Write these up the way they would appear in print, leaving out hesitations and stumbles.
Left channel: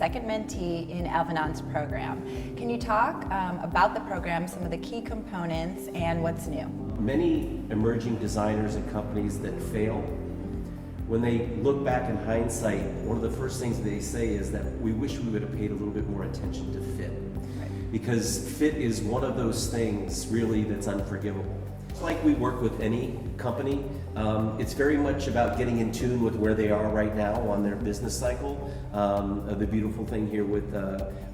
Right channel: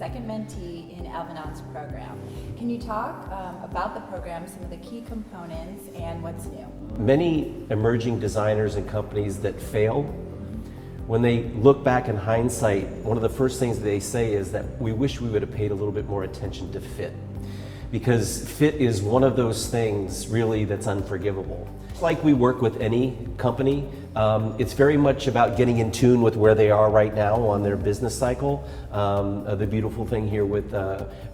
second mentee in Alvanon's program. Can you talk about the program, some of the key components, and what's new? Many emerging designers and companies that fail, when they look back in hindsight, one of the first things they say is that we wish we would have paid a little bit more attention to fit. Because fit is one of those things really that's unforgivable. Like we work with any company, it's very much about getting in tune with where they are right now on their business cycle. The beautiful thing here with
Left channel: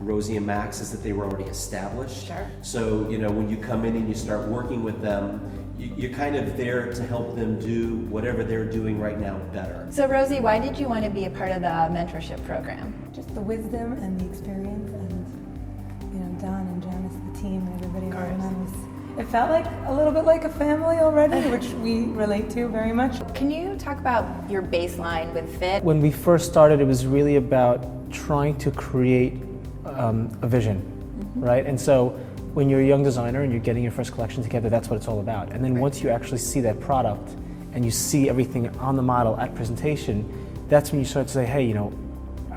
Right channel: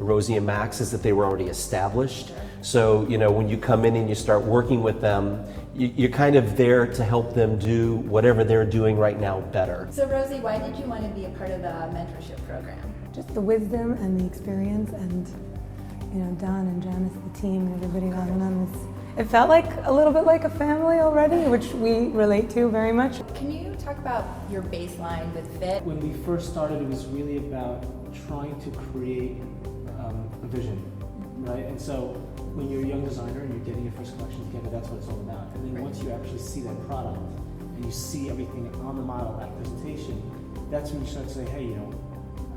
Rosie and Max is that they were already established. Sure. So, when you come in and you start working with them, you're kind of there to help them do whatever they're doing right now better. So Rosie, why did you want to be a part of the mentorship program? Just the wisdom and the experience, and Don and Janice, the team, and everybody around them. It felt like a little bit like a family already, which we relate to very much. Can you talk about your baseline with fit? When we first started, it was really about trying to create a vision, right? And so when you're a young designer and you're getting your first collection together, that's what it's all about. And then once you actually see that product and you see everything on the model at presentation, that's when you start to say, hey,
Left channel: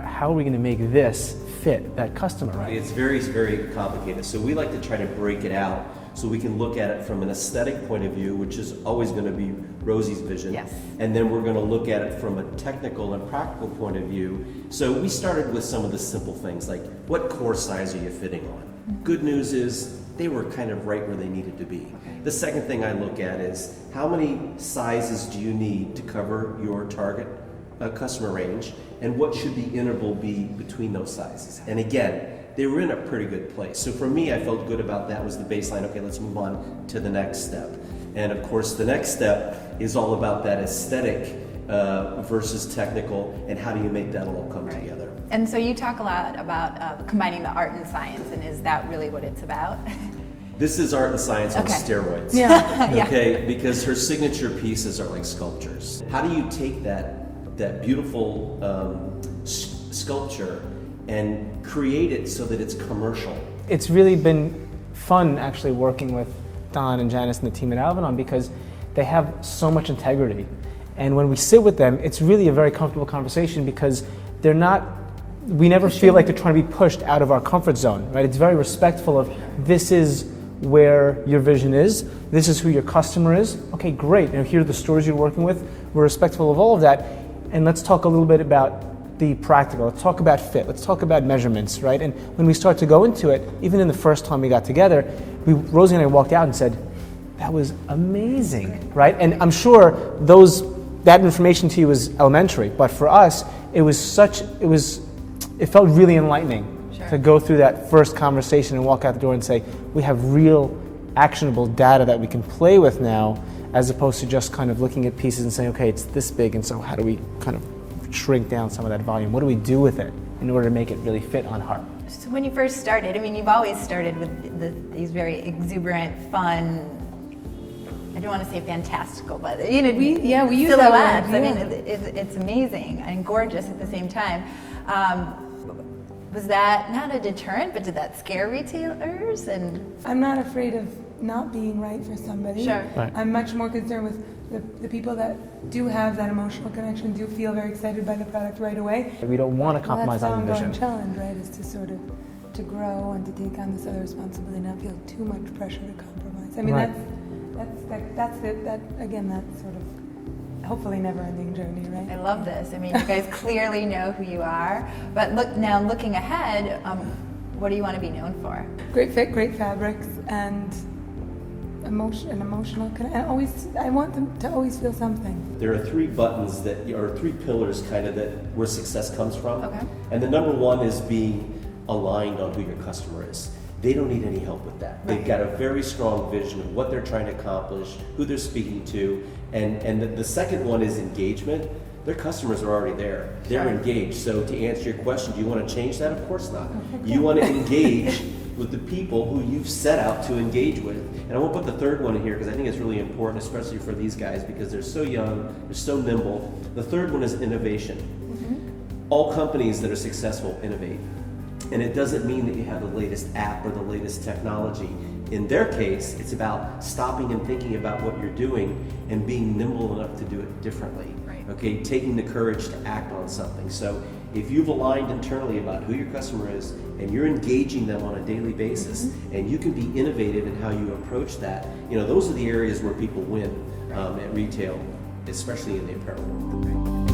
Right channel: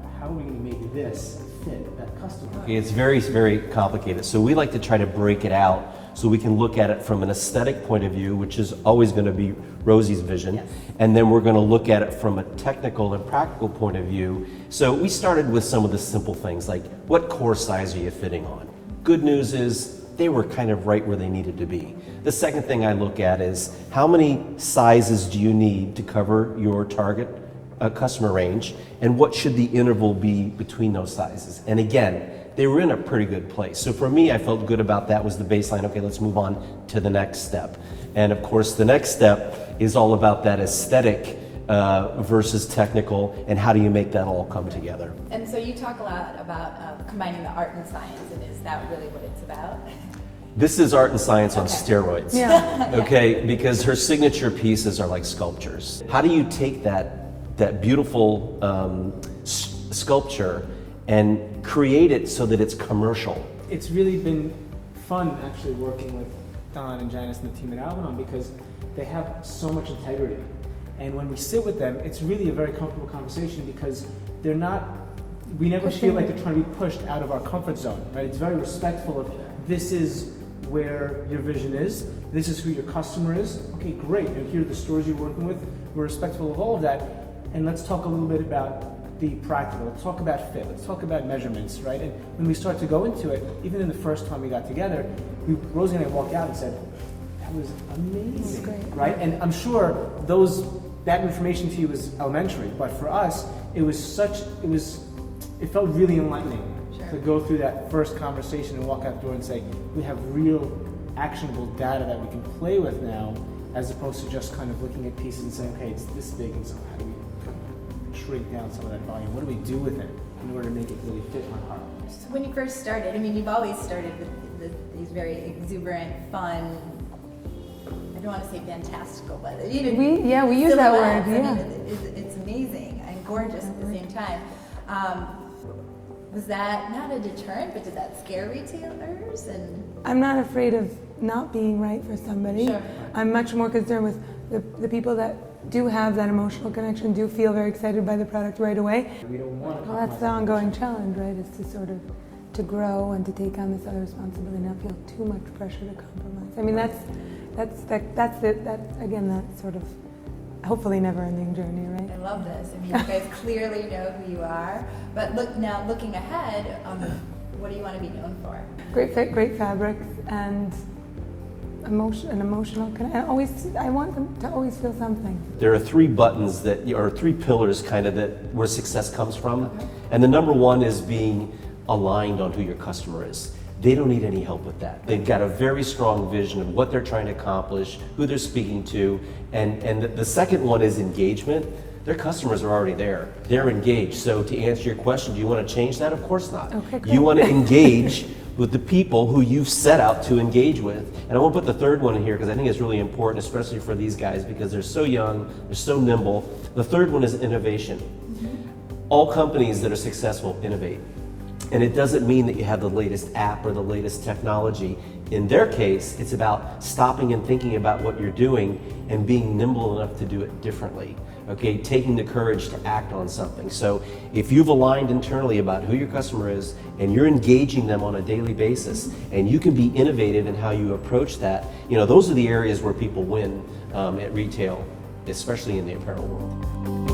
how are we going to make this fit that customer? Right? It's very, very complicated. So we like to try to break it out so we can look at it from an aesthetic point of view, which is always going to be Rosie's vision. Yes. And then we're going to look at it from a technical and practical point of view. So we started with some of the simple things like, what core size are you fitting on? Good news is they were kind of right where they needed to be. The second thing I look at is, how many sizes do you need to cover your target customer range, and what should the interval be between those sizes? And again, they were in a pretty good place. So for me, I felt good about that was the baseline. Okay, let's move on to the next step. And of course, the next step is all about that aesthetic versus technical, and how do you make that all come together? And so you talk a lot about combining the art and science, and is that really what it's about? This is art and science on Okay. steroids. Yeah. Okay, because her signature pieces are like sculptures. How do you take that beautiful sculpture and create it so that it's commercial? It's really been fun actually working with Don and Janice and the team at Alvanon, because they have so much integrity. And when we sit with them, it's really a very comfortable conversation, because we never feel like they're trying to be pushed out of our comfort zone, right? It's very respectful of, this is where your vision is, this is who your customer is. Okay, great, and here are the stores you're working with. We're respectful of all of that. And let's talk a little bit about the practical. Let's talk about fit. Let's talk about measurements, right? And when we start to go into it, even in the first time we got together, Rosie and I walked out and said, that was amazing, right? And I'm sure that information to you was elementary, but for us, it felt really enlightening. Sure. To go through that first conversation and walk out the door and say, we have real actionable data that we can play with now, as opposed to just kind of looking at pieces and saying, okay, it's this big, and so how do we kind of shrink down some of that volume? What do we do with it in order to make it really fit on heart? So when you first started, you've always started with these very exuberant, fun, I don't want to say fantastical, but we use that word. silhouettes. It's amazing and gorgeous at the same time. Was that not a deterrent, but did that scare retailers? And I'm not afraid of not being right for somebody. Sure. Right. I'm much more concerned with the people that do have that emotional connection, do feel very excited by the product right away. We don't want to compromise That's on the the ongoing vision. challenge, right? Is to sort of to grow and to take on this other responsibility, and not feel too much pressure to compromise. Right. That's sort of hopefully never-ending journey, right? I love this. You guys clearly know who you are. But looking ahead, what do you want to be known for? Great fit, great fabrics, and emotional. I want them to always feel something. There are three buttons or three pillars kind of where success comes from. Okay. And the number one is being aligned on who your customer is. They don't need any help with that. They've got a very strong vision of what they're trying to accomplish, who they're speaking to, and the second one is engagement. Their customers are already there. They're engaged. So to answer your question, do you want to change that? Of course not. Okay, great. You want to engage with the people who you've set out to engage with. And I won't put the third one in here because I think it's really important, especially for these guys, because they're so young, they're so nimble. The third one is innovation. All companies that are successful innovate. And it doesn't mean that you have the latest app or the latest technology. In their case, it's about stopping and thinking about what you're doing and being nimble enough to do it differently. Okay, taking the courage to act on something. So if you've aligned internally about who your customer is and you're engaging them on a daily basis, and you can be innovative in how you approach that, those are the areas where people win at retail, especially in the apparel world.